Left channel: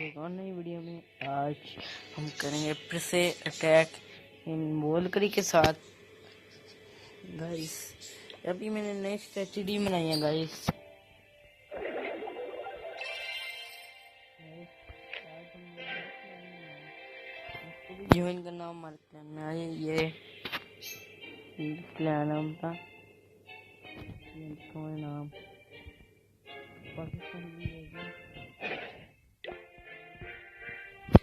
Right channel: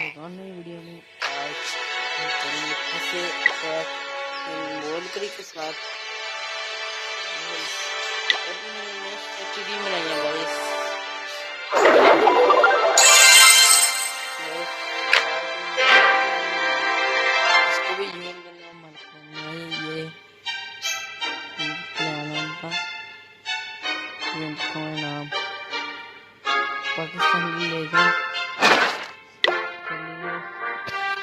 एक और नई वीडियो में आज हम करेंगे फिर से अटैक वोल्करी के साथ। अभी मैंने नेक्स्ट एचडी बनाई है गाइस। इसको भी ज्वाइन करना मत करना है। ये प्लान का नाम पाकिस्तानी लेजेंड।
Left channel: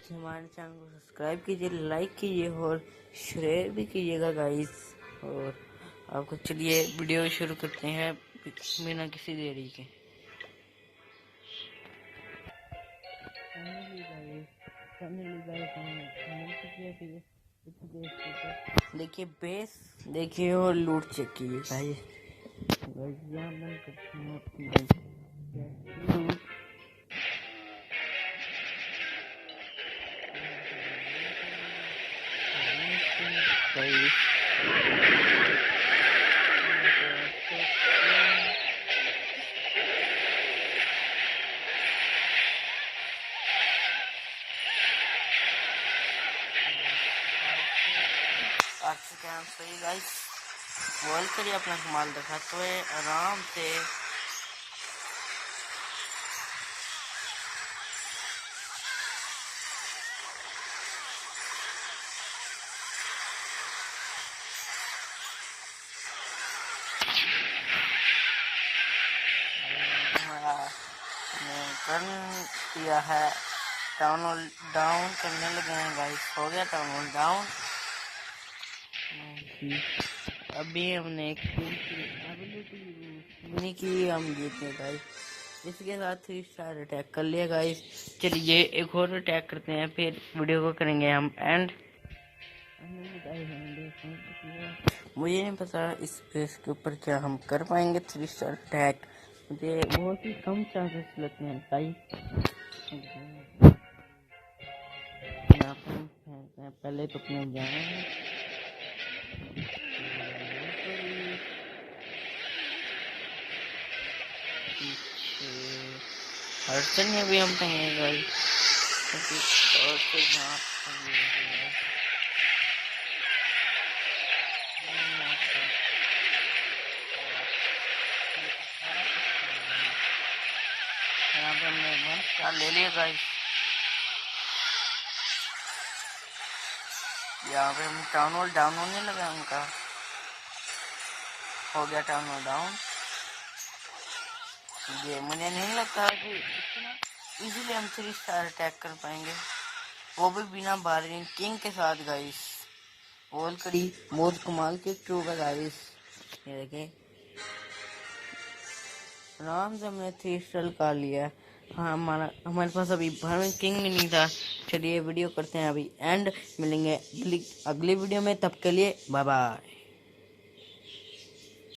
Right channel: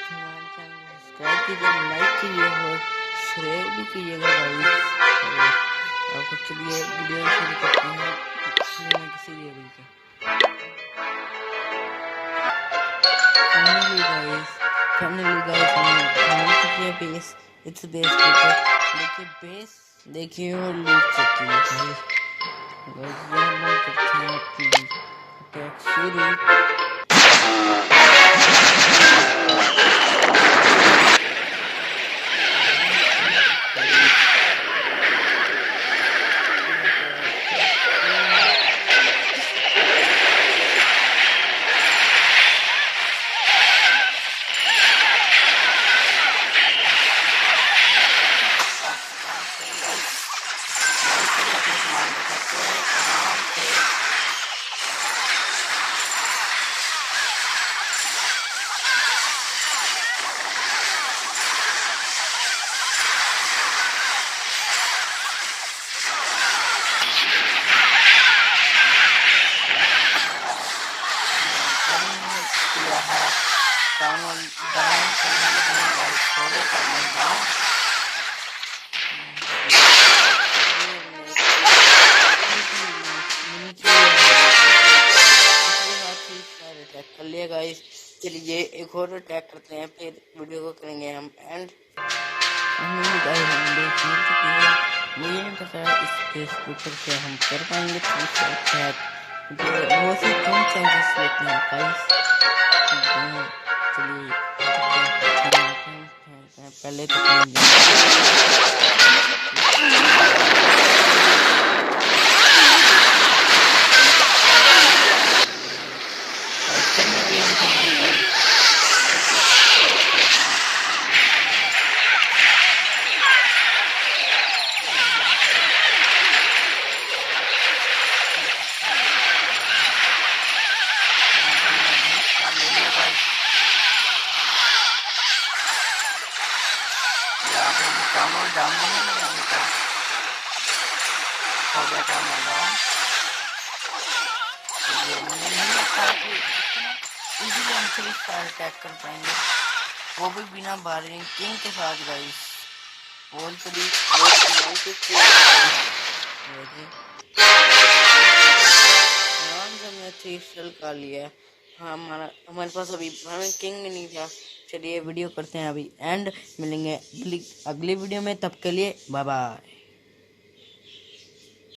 हमारे चैनल को सब्सक्राइब कीजिए, लाइक कीजिए और शेयर भी कीजिएगा गाइस। और आपको चलिए वीडियो शुरू करते हैं बिना किसी देरी के। फाइनली गाइस हम चुके बेस। इस बेस के ऊपर देखिए बेस देखिए और लूट चुकी है गाइस। यहाँ हम करते हैं अपनी अटैक शुरू। अपने सामान रखते हैं आराम से। किया है डाउन करने लगे हैं गाइस। हो गया टाउन डाउन। अभी हमने एक इसके साथ ही सारे अटैक कर लिया गाइस। चलिए एक और अटैक करते हैं फिर वीडियो को करेंगे हम एंड। मुझे नहीं पता इस पेज के ऊपर क्या हम कर पाएंगे अटैक, जो बहुत ही कम चांसेस लेते हैं गाइस। चलिए पहले तो भी हम करेंगे। ले लिया गाइस। यहाँ पे टाउन डाउन होने लगा उनका। हो गया टाउन डाउन। ये मुझे नहीं लगता है कि इजीली हम 3 स्टार अटैक कर पाएंगे, वो भी बिना बारिंग किंग के साथ गाइस। बहुत कमाल के आराम से हमने 3 स्टार कर लिया। हाँ हमारे पास अभी बारिंग किंग भी नहीं था। चलिए वीडियो करते हैं अभी एंड। मिलेंगे अगली वीडियो में, तब के लिए बाय बाय।